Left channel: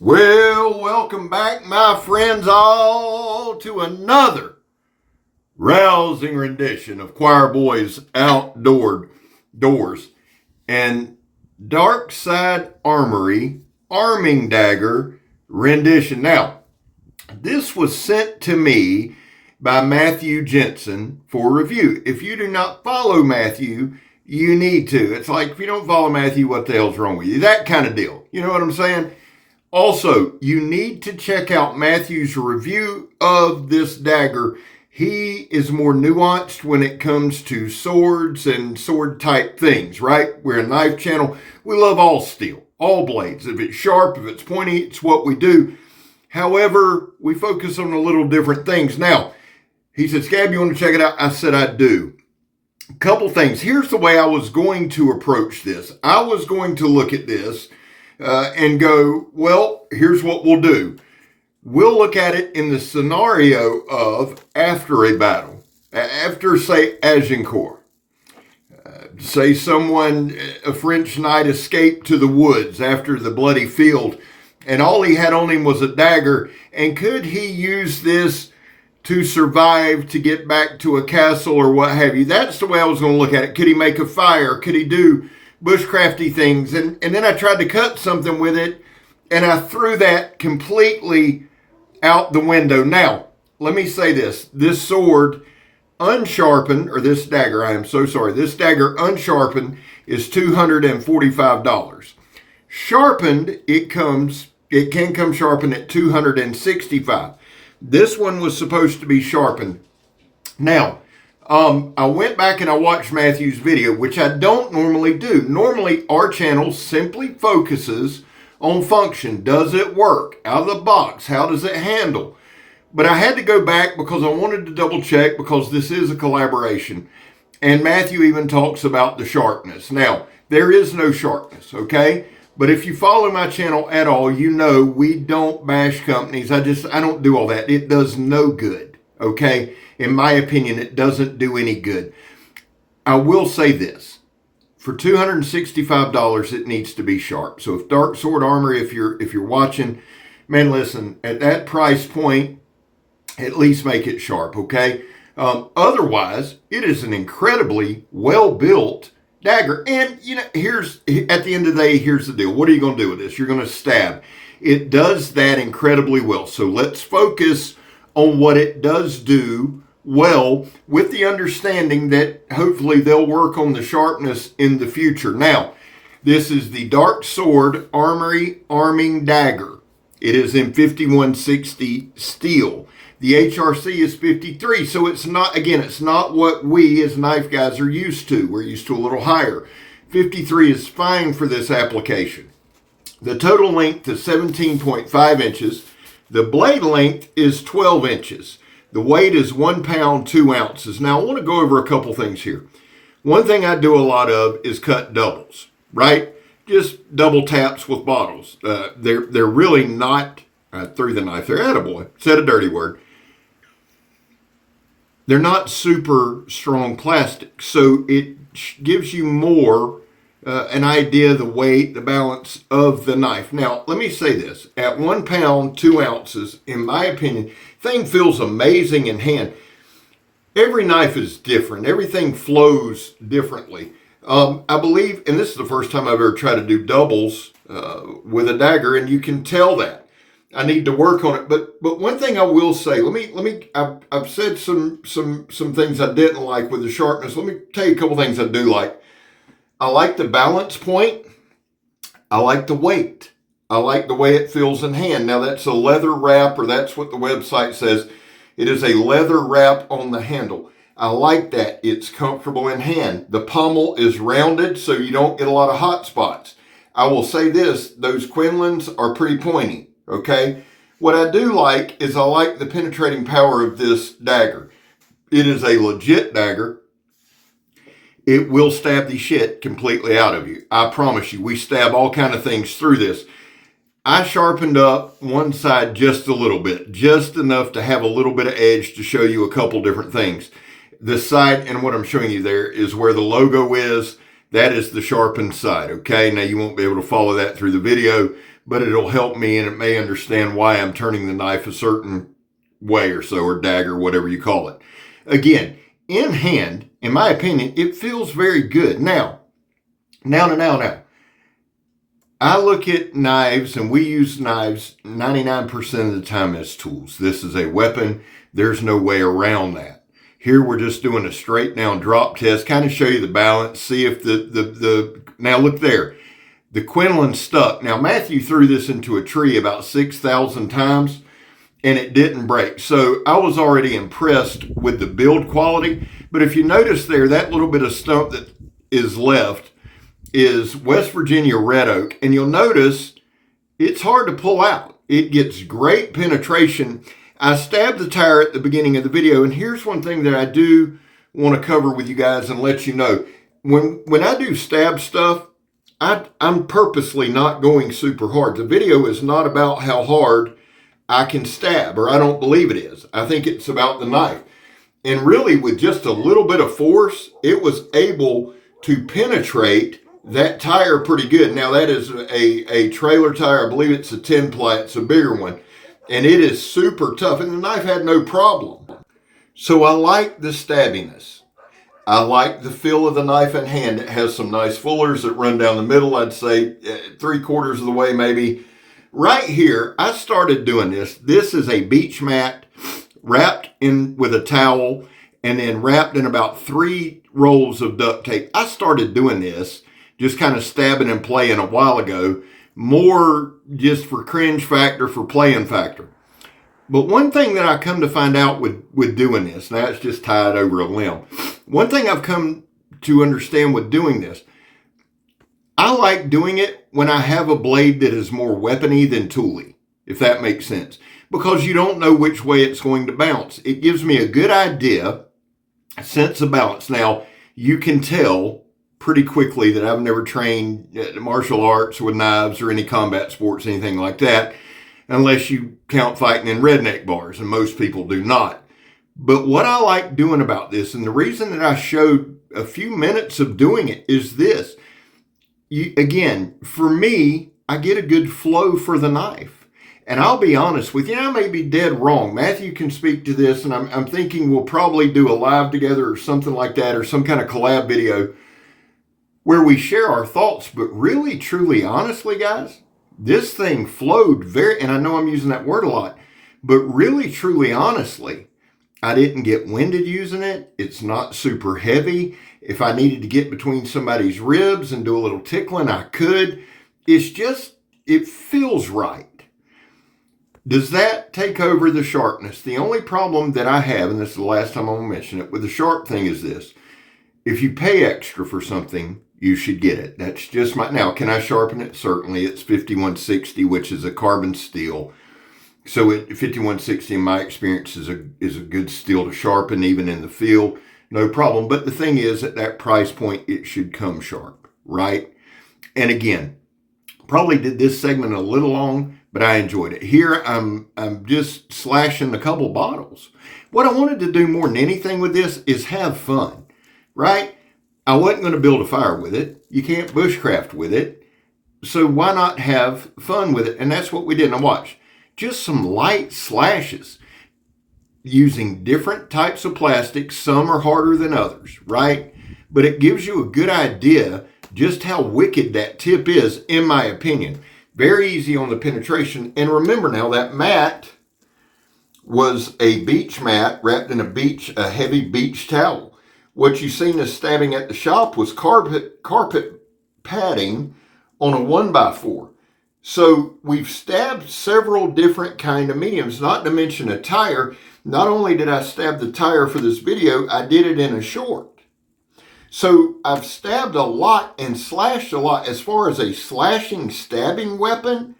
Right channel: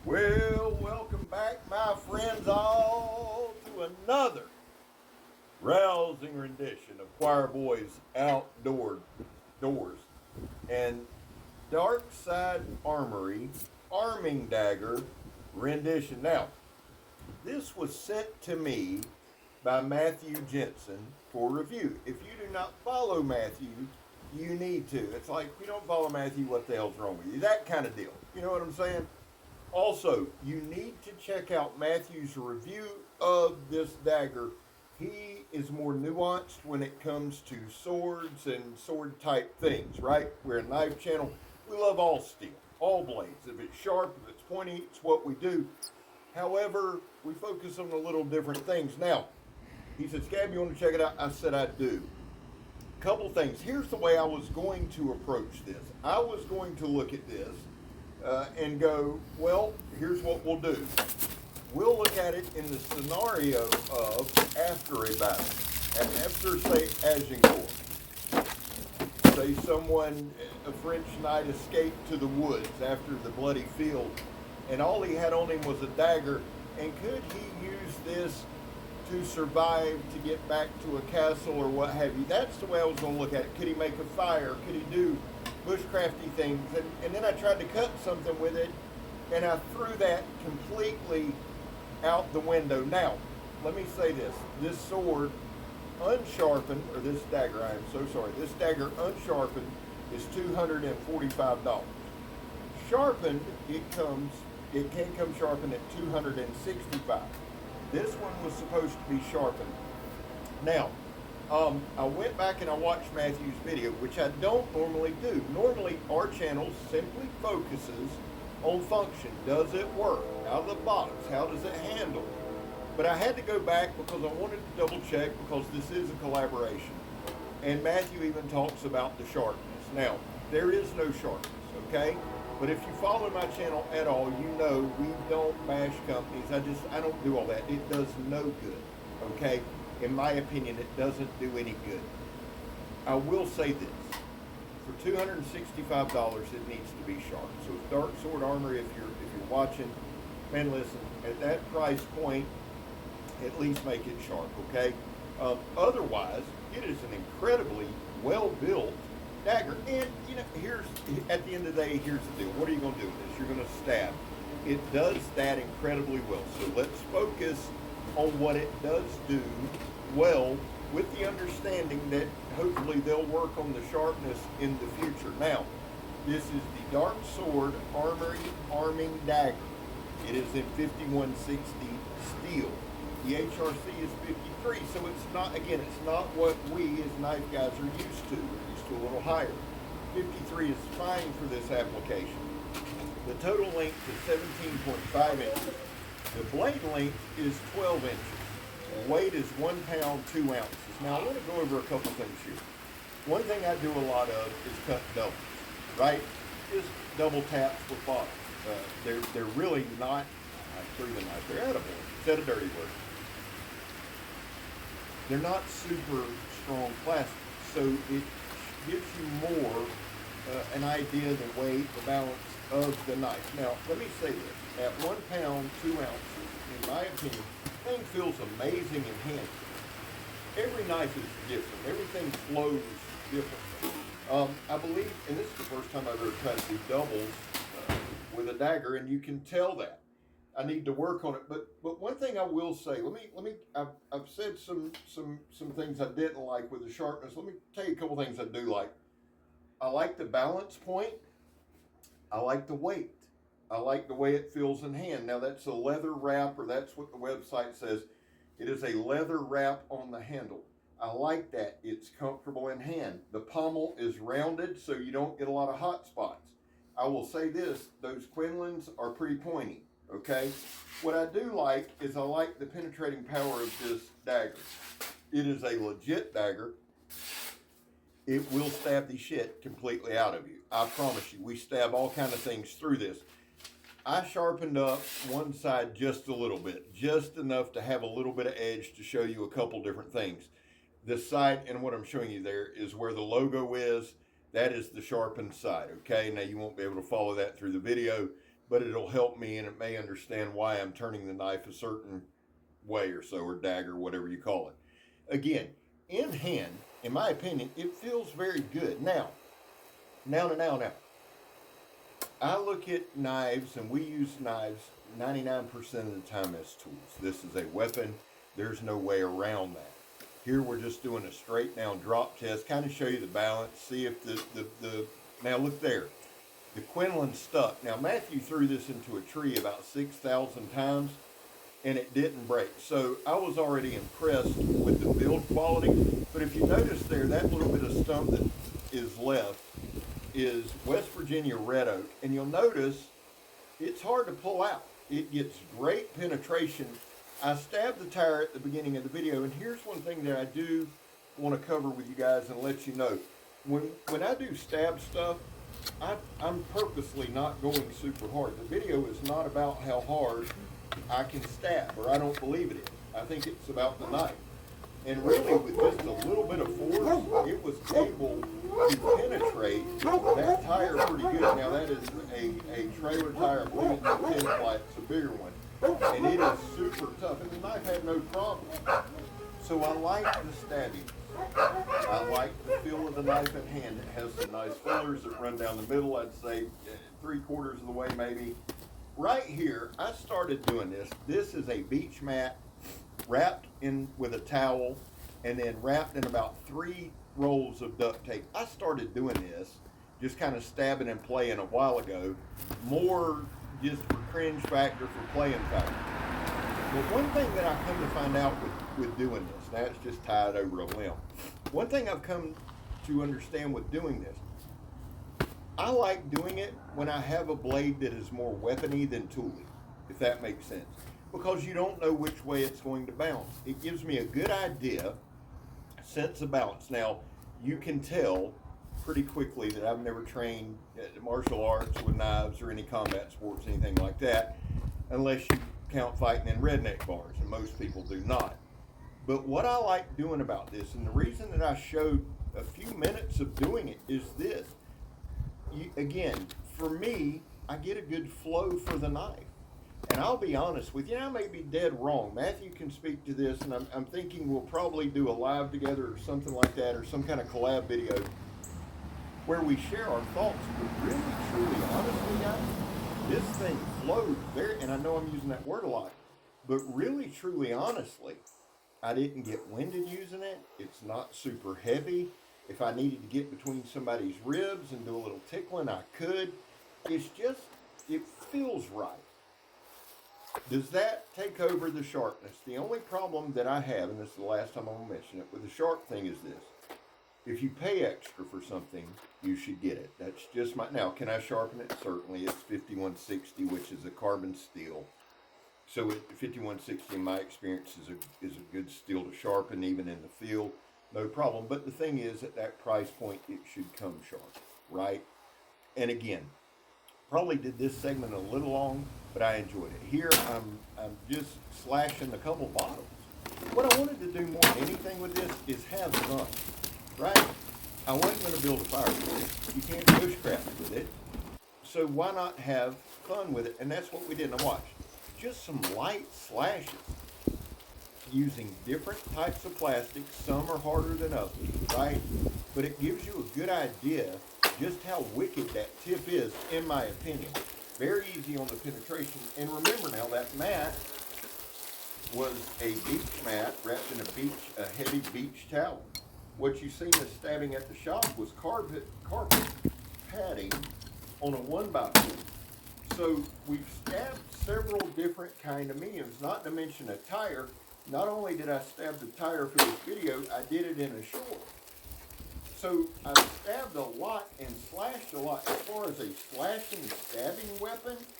Well, welcome back, my friends, all to another rousing rendition of Choir Boy's Outdoor Doors and Darksword Armory Arming Dagger rendition. Now, this was sent to me by Matthew Jensen for review. If you do not follow Matthew, you need to. It's like, if you don't follow Matthew, what the hell's wrong with you? That kind of deal. You know what I'm saying? Also, you need to check out Matthew's review of this dagger. He is more nuanced when it comes to swords and sword type things, right? We're a knife channel. We love all steel, all blades. If it's sharp, if it's pointy, it's what we do. However, we focus on a little different things. Now, he said, Scab, you want to check it out? I said, I do. A couple things. Here's the way I was going to approach this. I was going to look at this and go, well, here's what we'll do. We'll look at it in the scenario of after a battle. After, say, Agincourt. Say someone, a French knight, escaped to the woods after the bloody field, and all he had on him was a dagger, and could he use this to survive, to get back to a castle or what have you? That's the way I was going to look at it. Could he make a fire? Could he do bushcrafty things? And then I tried to cut something with it, and I threw that completely out the window. Now, let me say this. This sword, unsharpened, or this dagger, I am so sorry, this dagger unsharpened is $245. Sharpened, it can come sharpened at $265. This one was supposed to be sharpened. Now, I went back and I watched Matthew's video, which I don't normally do. Normally, our channel simply focuses on function. Does it work? Out of the box, how does it handle? But I had to go back because I wanted to double check, because this is a collaboration. And Matthew even talks about the sharpness. Now, there is no sharpness, okay? But if you follow my channel at all, you know we don't bash companies. I don't do all that. It does no good, okay? In my opinion, it doesn't do any good. I will say this. For $265, it needs to be sharp. So if DARKSWORD Armory, if you're watching, man, listen, at that price point, at least make it sharp, okay? Otherwise, it is an incredibly well-built dagger. And, you know, at the end of the day, here's the deal. What are you going to do with this? You're going to stab. It does that incredibly well. So let's focus on what it does do well, with the understanding that hopefully they'll work on the sharpness in the future. Now, this is the Darksword Armory Arming Dagger. It is in 5160 steel. The HRC is 53, so it's not, again, it's not what we as knife guys are used to. We're used to a little higher. 53 is fine for this application. The total length is 17.5 inches. The blade length is 12 inches. The weight is 1 pound, 2 ounces. Now, I want to go over a couple things here. One thing I do a lot of is cut doubles, right? Just double taps with bottles. They're really not, I threw the knife there, attaboy, said a dirty word. They're not super strong plastic, so it gives you more an idea of the weight, the balance of the knife. Now, let me say this. At 1 pound, 2 ounces, in my opinion, thing feels amazing in hand. Every knife is different. Everything flows differently. I believe, and this is the first time I've ever tried to do doubles with a dagger, and you can tell that. I need to work on it. But one thing I will say, I've said some things I didn't like with the sharpness. Let me tell you a couple things I do like. I like the balance point. I like the weight. I like the way it feels in hand. Now, that's a leather wrap, or that's what the website says. It is a leather wrap on the handle. I like that. It's comfortable in hand. The pommel is rounded, so you don't get a lot of hot spots. I will say this, those Quinlans are pretty pointy, okay? What I do like is I like the penetrating power of this dagger. It is a legit dagger. It will stab the shit completely out of you. I promise you, we stab all kind of things through this. I sharpened up one side just a little bit, just enough to have a little bit of edge to show you a couple different things. The side, and what I'm showing you there, is where the logo is. That is the sharpened side, okay? Now, you won't be able to follow that through the video, but it'll help me and it may understand why I'm turning the knife a certain way or so, or dagger, whatever you call it. Again, in hand, in my opinion, it feels very good. Now. I look at knives, and we use knives 99% of the time as tools. This is a weapon. There's no way around that. Here we're just doing a straight down drop test, kind of show you the balance, see if now look there. The quinoline stuck. Now Matthew threw this into a tree about 6,000 times and it didn't break. So I was already impressed with the build quality. But if you notice there, that little bit of stump that is left is West Virginia red oak. And you'll notice it's hard to pull out. It gets great penetration. I stabbed the tire at the beginning of the video, and here's one thing that I do want to cover with you guys and let you know. When I do stab stuff, I'm purposely not going super hard. The video is not about how hard I can stab, or I don't believe it is. I think it's about the knife. And really, with just a little bit of force, it was able to penetrate that tire pretty good. Now that is a trailer tire. I believe it's a 10 ply. It's a bigger one. And it is super tough, and the knife had no problem. So I like the stabbiness. I like the feel of the knife in hand. It has some nice fullers that run down the middle. I'd say 3/4 of the way maybe. Right here, I started doing this. This is a beach mat wrapped in with a towel and then wrapped in about 3 rolls of duct tape. I started doing this, just kind of stabbing and playing a while ago, more just for cringe factor, for playing factor. But one thing that I come to find out with doing this, now it's just tied over a limb. One thing I've come to understand with doing this, I like doing it when I have a blade that is more weapony than tooly, if that makes sense. Because you don't know which way it's going to bounce. It gives me a good idea, a sense of balance. Now, you can tell pretty quickly that I've never trained martial arts with knives or any combat sports, anything like that, unless you count fighting in redneck bars, and most people do not. But what I like doing about this, and the reason that I showed a few minutes of doing it, is this. Again, for me, I get a good flow for the knife. And I'll be honest with you, I may be dead wrong. Matthew can speak to this, and I'm thinking we'll probably do a live together or something like that, or some kind of collab video where we share our thoughts. But really, truly, honestly, guys, this thing flowed very, and I know I'm using that word a lot, but really, truly, honestly, I didn't get winded using it. It's not super heavy. If I needed to get between somebody's ribs and do a little tickling, I could. It's just, it feels right. Does that take over the sharpness? The only problem that I have, and this is the last time I'm going to mention it, with the sharp thing is this. If you pay extra for something, you should get it. That's just my, now, can I sharpen it? Certainly. It's 5160, which is a carbon steel. So 5160, in my experience, is a good steel to sharpen, even in the field. No problem. But the thing is, at that price point, it should come sharp, right? And again, probably did this segment a little long, but I enjoyed it. Here, I'm just slashing a couple bottles. What I wanted to do more than anything with this is have fun, right? I wasn't going to build a fire with it. You can't bushcraft with it. So why not have fun with it? And that's what we did. Now watch. Just some light slashes using different types of plastics. Some are harder than others, right? But it gives you a good idea just how wicked that tip is, in my opinion. Very easy on the penetration. And remember now, that mat was a beach mat wrapped in a heavy beach towel. What you seen us stabbing at the shop was carpet padding on a 1x4. So we've stabbed several different kind of mediums, not to mention a tire. Not only did I stab the tire for this video, I did it in a short. So I've stabbed a lot and slashed a lot. As far as a slashing, stabbing weapon,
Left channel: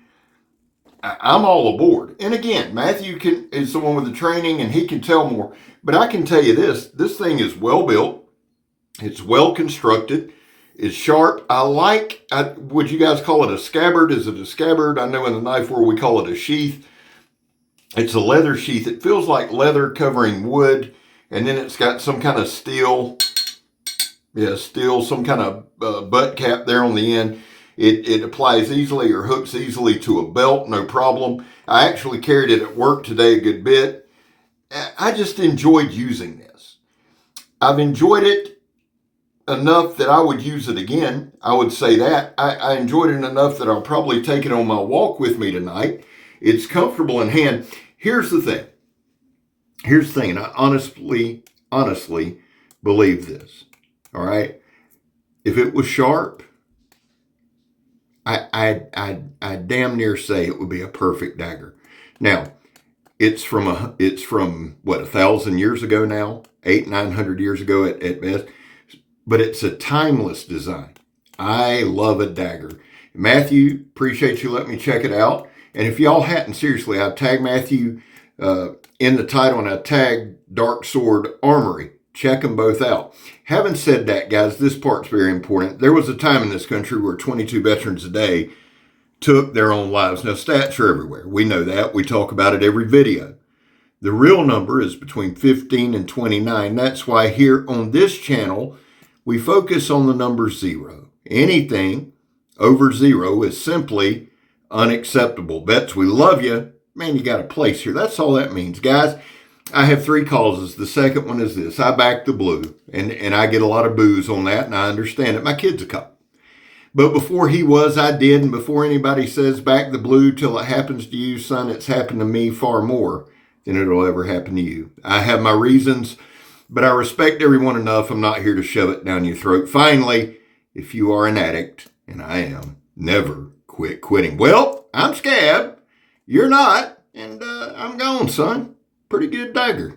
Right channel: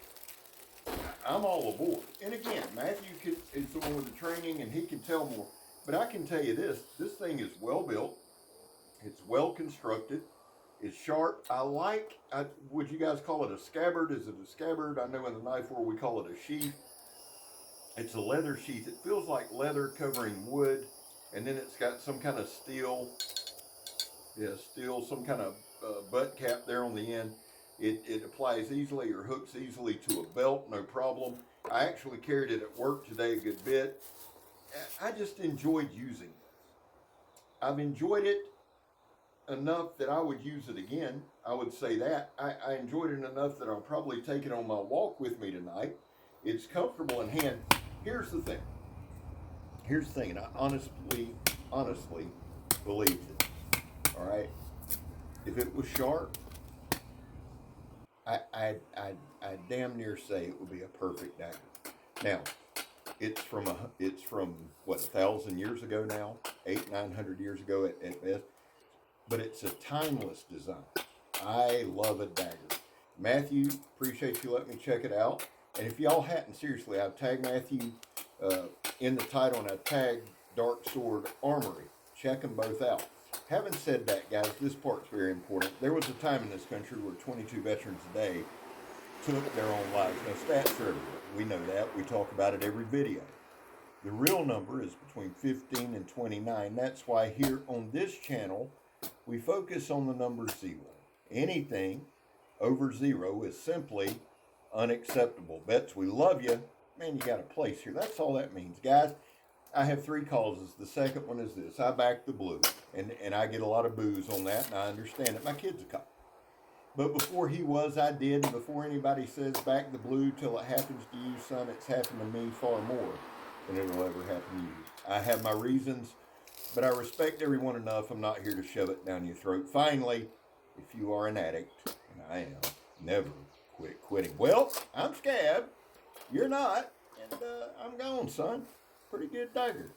I'm all aboard. And again, Matthew is the one with the training, and he can tell more. But I can tell you this thing is well built. It's well constructed. It's sharp. Would you guys call it a scabbard? Is it a scabbard? I know in the knife world we call it a sheath. It's a leather sheath. It feels like leather covering wood. And then it's got some kind of steel, some kind of butt cap there on the end. It applies easily or hooks easily to a belt, no problem. I actually carried it at work today a good bit. I just enjoyed using this. I've enjoyed it enough that I would use it again. I would say that. I enjoyed it enough that I'll probably take it on my walk with me tonight. It's comfortable in hand. Here's the thing. And I honestly believe this. All right. If it was sharp, I damn near say it would be a perfect dagger. Now, it's from what, 1,000 years ago now, 900 years ago at best, but it's a timeless design. I love a dagger. Matthew, appreciate you letting me check it out. And if y'all hadn't, seriously, I've tagged Matthew in the title, and I tagged DARKSWORD ARMORY. Check them both out. Having said that, guys, this part's very important. There was a time in this country where 22 veterans a day took their own lives. Now, stats are everywhere. We know that. We talk about it every video. The real number is between 15 and 29. That's why here on this channel, we focus on the number 0. Anything over 0 is simply unacceptable. Vets, we love you. Man, you got a place here. That's all that means. Guys, I have 3 causes. The second one is this. I back the blue, and I get a lot of boos on that, and I understand it. My kid's a cop. But before he was, I did, and before anybody says back the blue till it happens to you, son, it's happened to me far more than it'll ever happen to you. I have my reasons, but I respect everyone enough. I'm not here to shove it down your throat. Finally, if you are an addict, and I am, never quit quitting. Well, I'm Scab. You're not, and I'm gone, son. Pretty good dagger.